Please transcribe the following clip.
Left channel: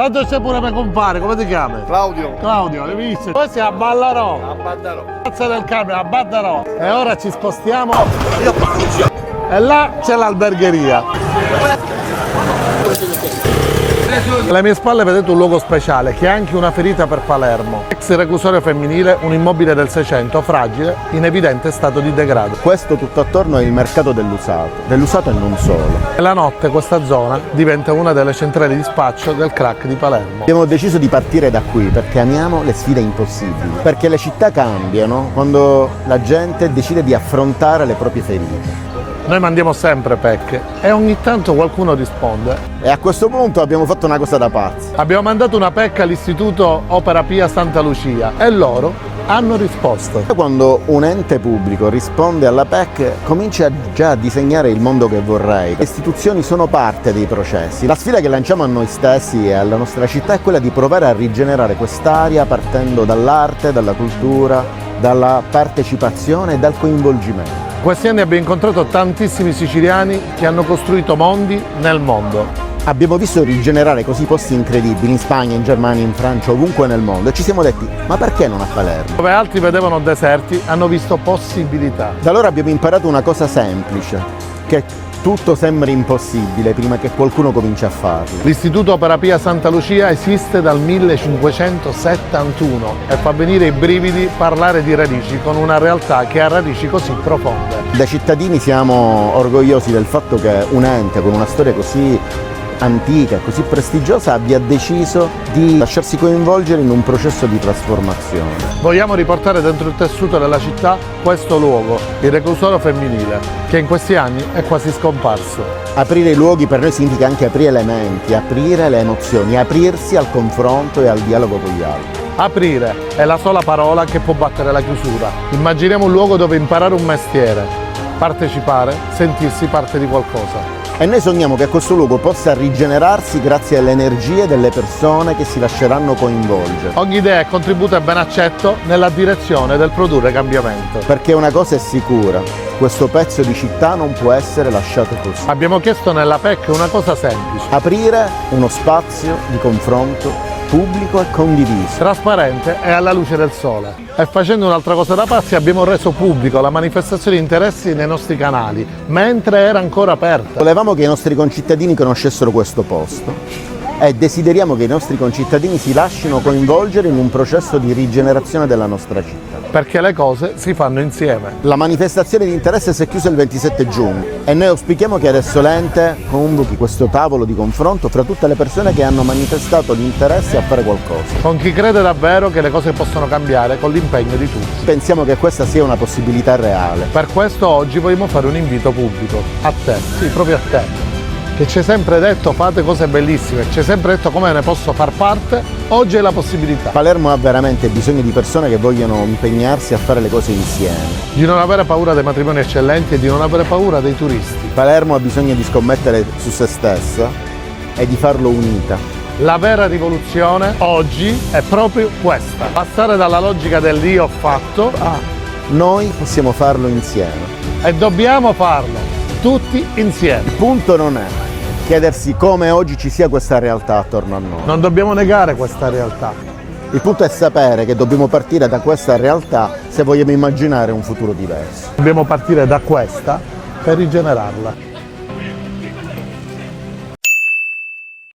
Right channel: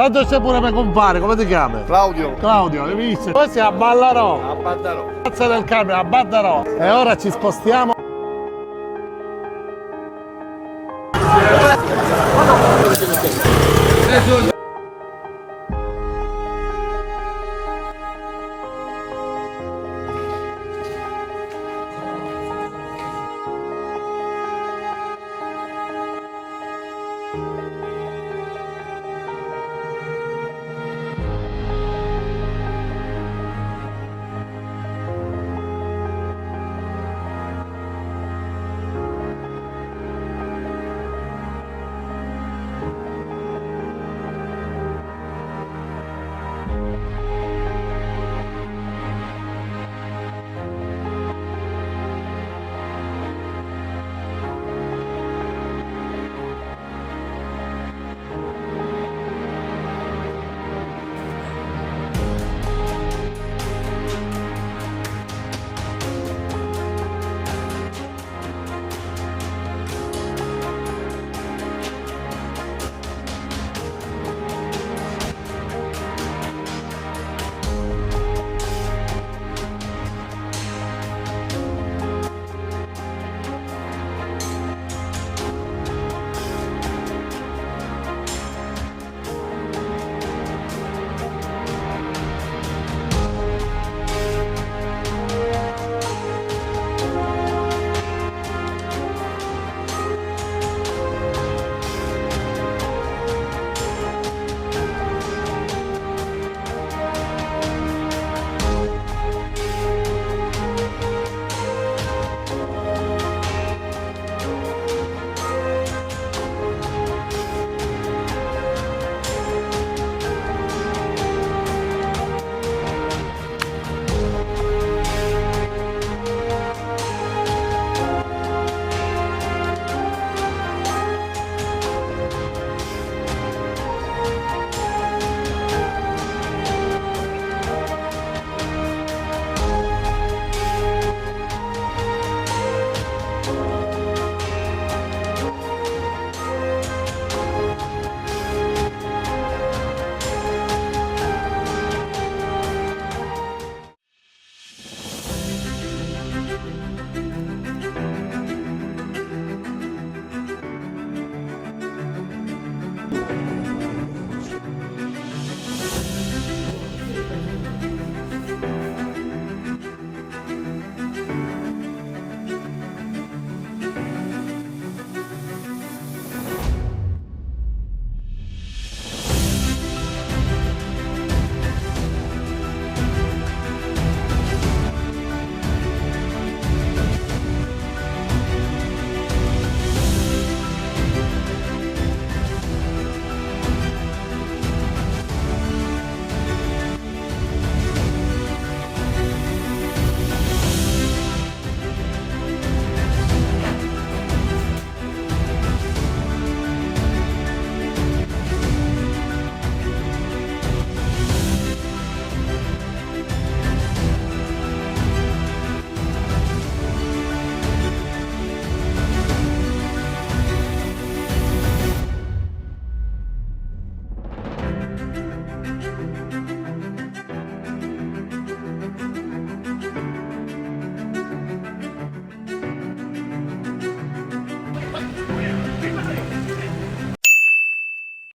Tanto c'è pure mio compare, come ti chiami? Claudio. Claudio, hai visto? Poi si a Ballarò. A Battarò. Piazza del camion, a Battarò. E ora ci spostiamo. E là c'è l'albergheria. Alle mie spalle vedete un luogo speciale che ha anche una ferita per Palermo. Ex reclusorio femminile, un immobile del 600, fragile, in evidente stato di degrado. Questo tutto attorno è il mercato dell'usato e non solo. E la notte questa zona diventa una delle centrali di spaccio del crack di Palermo. Abbiamo deciso di partire da qui perché amiamo le sfide impossibili, perché le città cambiano quando la gente decide di affrontare le proprie ferite. Noi mandiamo sempre pecche e ogni tanto qualcuno risponde. E a questo punto abbiamo fatto una cosa da pazzi. Abbiamo mandato una pecca all'Istituto Opera Pia Santa Lucia e loro hanno risposto. Quando un ente pubblico risponde alla PEC comincia già a disegnare il mondo che vorrei. Le istituzioni sono parte dei processi. La sfida che lanciamo a noi stessi e alla nostra città è quella di provare a rigenerare quest'area partendo dall'arte, dalla cultura, dalla partecipazione e dal coinvolgimento. Questi anni abbiamo incontrato tantissimi siciliani che hanno costruito mondi nel mondo. Abbiamo visto rigenerare così posti incredibili in Spagna, in Germania, in Francia, ovunque nel mondo e ci siamo detti, ma perché non a Palermo? Dove altri vedevano deserti, hanno visto possibilità. Da allora abbiamo imparato una cosa semplice, che tutto sembra impossibile prima che qualcuno cominci a farlo. L'Istituto Opera Pia Santa Lucia esiste dal 1571 e fa venire i brividi parlare di radici con una realtà che ha radici così profonde. Da cittadini siamo orgogliosi del fatto che un ente con una storia così antica, così prestigiosa abbia deciso di lasciarsi coinvolgere in un processo di trasformazione. Vogliamo riportare dentro il tessuto della città questo luogo, il reclusorio femminile, che in questi anni è quasi scomparso. Aprire i luoghi per noi significa anche aprire le menti, aprire le emozioni, aprirsi al confronto e al dialogo con gli altri. Aprire è la sola parola che può battere la chiusura. Immaginiamo un luogo dove imparare un mestiere, partecipare, sentirsi parte di qualcosa. E noi sogniamo che questo luogo possa rigenerarsi grazie alle energie delle persone che si lasceranno coinvolgere. Ogni idea e contributo è ben accetto nella direzione del produrre cambiamento. Perché una cosa è sicura, questo pezzo di città non può essere lasciato così. Abbiamo chiesto nella PEC una cosa semplice, Aprire uno spazio di confronto pubblico e condiviso. trasparente e alla luce del sole. E facendo un'altra cosa da pazzi abbiamo reso pubblico la manifestazione di interessi nei nostri canali, mentre era ancora aperta. Volevamo che i nostri concittadini conoscessero questo posto e desideriamo che i nostri concittadini si lasciino coinvolgere in un processo di rigenerazione della nostra città. Perché le cose si fanno insieme. La manifestazione di interesse si è chiusa il 27 giugno e noi auspichiamo che adesso l'ente convochi questo tavolo di confronto fra tutte le persone che hanno manifestato l'interesse a fare qualcosa. Con chi crede davvero che le cose possono cambiare con l'impegno di tutti. Pensiamo che questa sia una possibilità reale. Per questo oggi vogliamo fare un invito pubblico. A te, sì, proprio a te. Che ci hai sempre detto fate cose bellissime, ci hai sempre detto come ne posso far parte, oggi è la possibilità. Palermo ha veramente bisogno di persone che vogliono impegnarsi a fare le cose insieme. Di non avere paura dei matrimoni eccellenti e di non avere paura dei turisti. Palermo ha bisogno di scommettere su se stessa e di farlo unita. La vera rivoluzione oggi è proprio questa. Passare dalla logica del io ho fatto a Noi possiamo farlo insieme. e dobbiamo farlo tutti insieme. Il punto non è chiedersi come oggi ci sia questa realtà attorno a noi. Non dobbiamo negare questa realtà. Il punto è sapere che dobbiamo partire da questa realtà se vogliamo immaginare un futuro diverso. Dobbiamo partire da questa per rigenerarla.